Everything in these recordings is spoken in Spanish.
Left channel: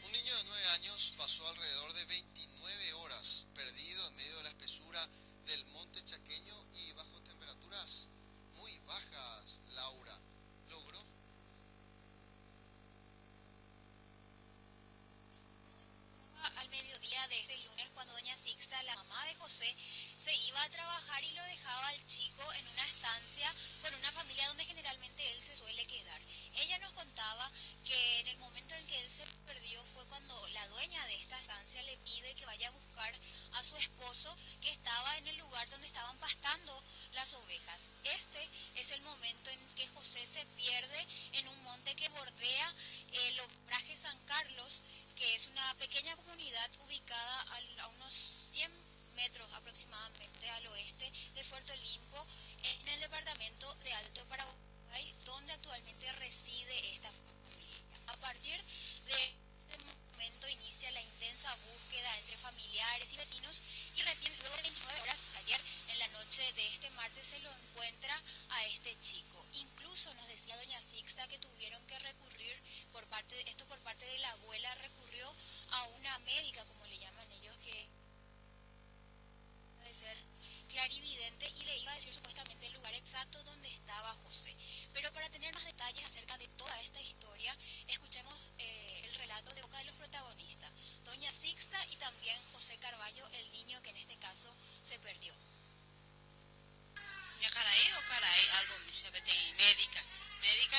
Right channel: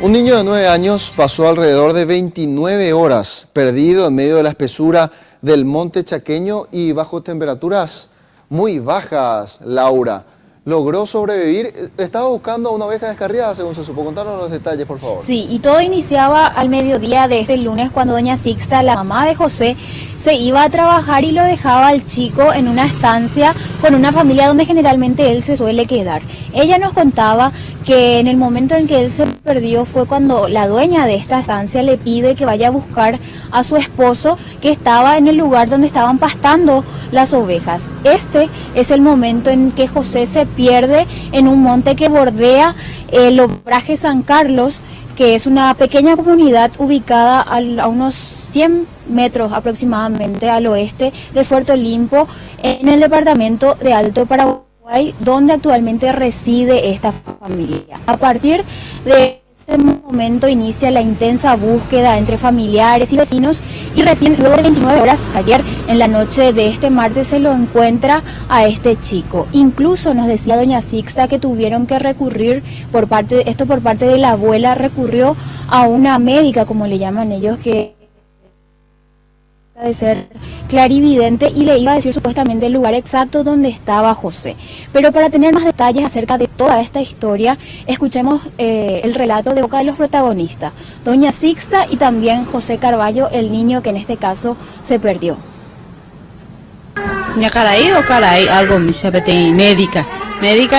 Un niño de 9 años pasó alrededor de 29 horas perdido en medio de la espesura del monte chaqueño y bajo temperaturas muy bajas, Laura. Logró sobrevivir, estaba buscando a una oveja descarriada, según se supo. Contanos los detalles, por favor. Sí, y todo iniciaba al mediodía de este lunes cuando doña Sixta, la mamá de José, se iba a trabajar y lo dejaba al chico en una estancia con una familia donde generalmente él se suele quedar. Ella nos contaba que en el momento en que él se perdió fue cuando la dueña de esta estancia le pide que vaya a buscar a su esposo que estaba en el lugar donde estaban pastando las ovejas. Este es el momento en que José se pierde en un monte que bordea el Obraje San Carlos, que es una pequeña comunidad ubicada a unos 100 metros aproximadamente al oeste de Puerto Limpo, en el departamento de Alto Paraguay, donde actualmente reside esta familia. A partir de ese momento inicia la intensa búsqueda entre familiares y vecinos y recién luego de 29 horas, ayer en la noche de este martes, se lo encuentra a este chico. Incluso nos decía doña Sixta que tuvieron que recurrir por parte de la abuela, recurrió a una médica, como le llaman ellos, que de ser clarividente, y le iba a decir supuestamente el lugar exacto donde estaba José. Pero para tener más detalles acerca de toda esta historia, escuchemos el relato de boca de los protagonistas, doña Sixta y también José Carballo, el niño que en este caso se perdió. Nhà caray o caray algo mi sabete médica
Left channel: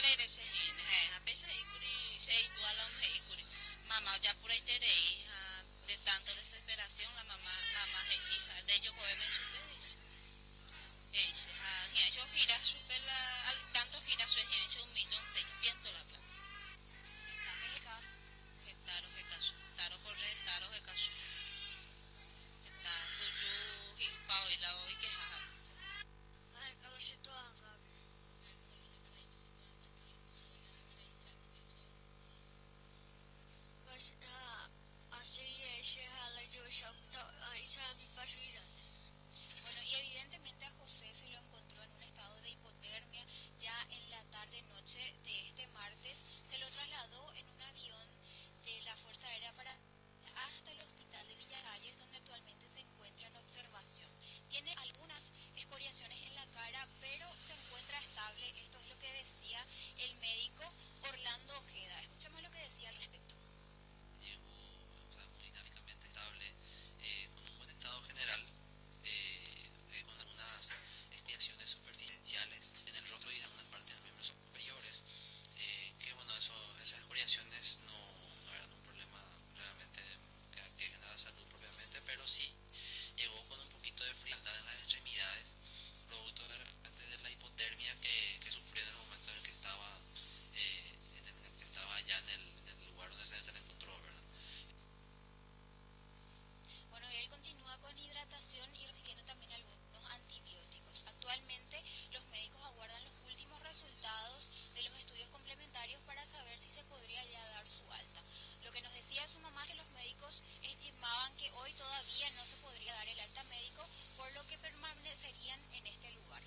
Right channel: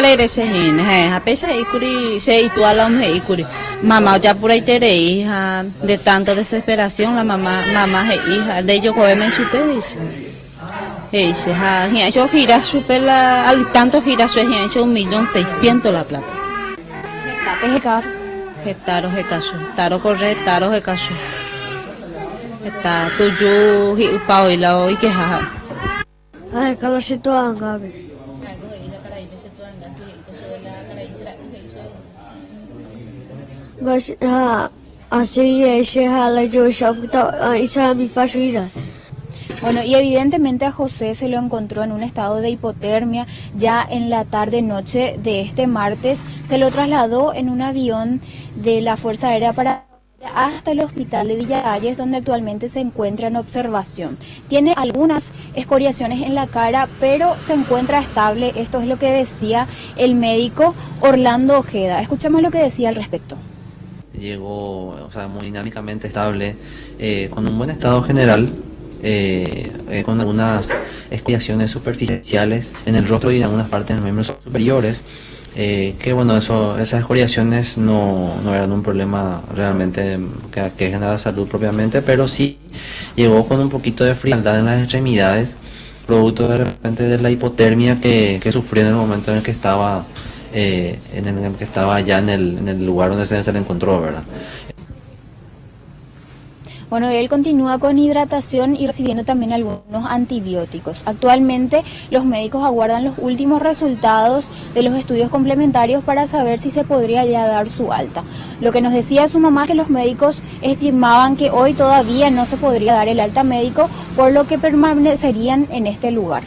le irese hin a pesar ikuri se ituala un ikuri mamá ya por ahí tere hija de tanto desesperación la mamá hija de ellos come super dice ha yo gira super la al tanto gira su es 1.600.000 la plata taro corre caso está tuyo y upao y la hoy que jaja. Ay, kalau situ anggabe. Bas así ese hala yo sabta isa mi pasira. Bueno, y evidentemente a José se lo encontró en un estado de hipotermia ya en la tarde-noche de este martes. Se lo trasladó en un avión de la Fuerza Aérea para hasta el hospital de Villalles, donde actualmente se encuentra en observación. Tiene algunas escoriaciones en la cara, pero se encuentra estable. Esto es lo que decía el médico Orlando Ojeda. Escuchamos lo que decía al respecto. Llegó, muy dinámicamente estable, con un buen estado general, con algunas escoriaciones superficiales en el rostro y en algunas partes de los miembros superiores. Que bueno, esas escoriaciones no eran un problema realmente que genera salud propiamente, pero sí llegó con un poquito de frialdad en las extremidades, producto de repente de la hipotermia que sufrió en el momento en el que estaba allá en el lugar donde se le encontró, ¿verdad? Bueno, él continúa con hidratación y recibiendo también algunos antibióticos. Actualmente los médicos aguardan los últimos resultados de los estudios complementarios para saber si se podría ya dar su alta. Lo que nos decía su mamá es que los médicos estimaban que hoy todavía no se podría dar el alta médico, por lo que permanecerían en este lugar.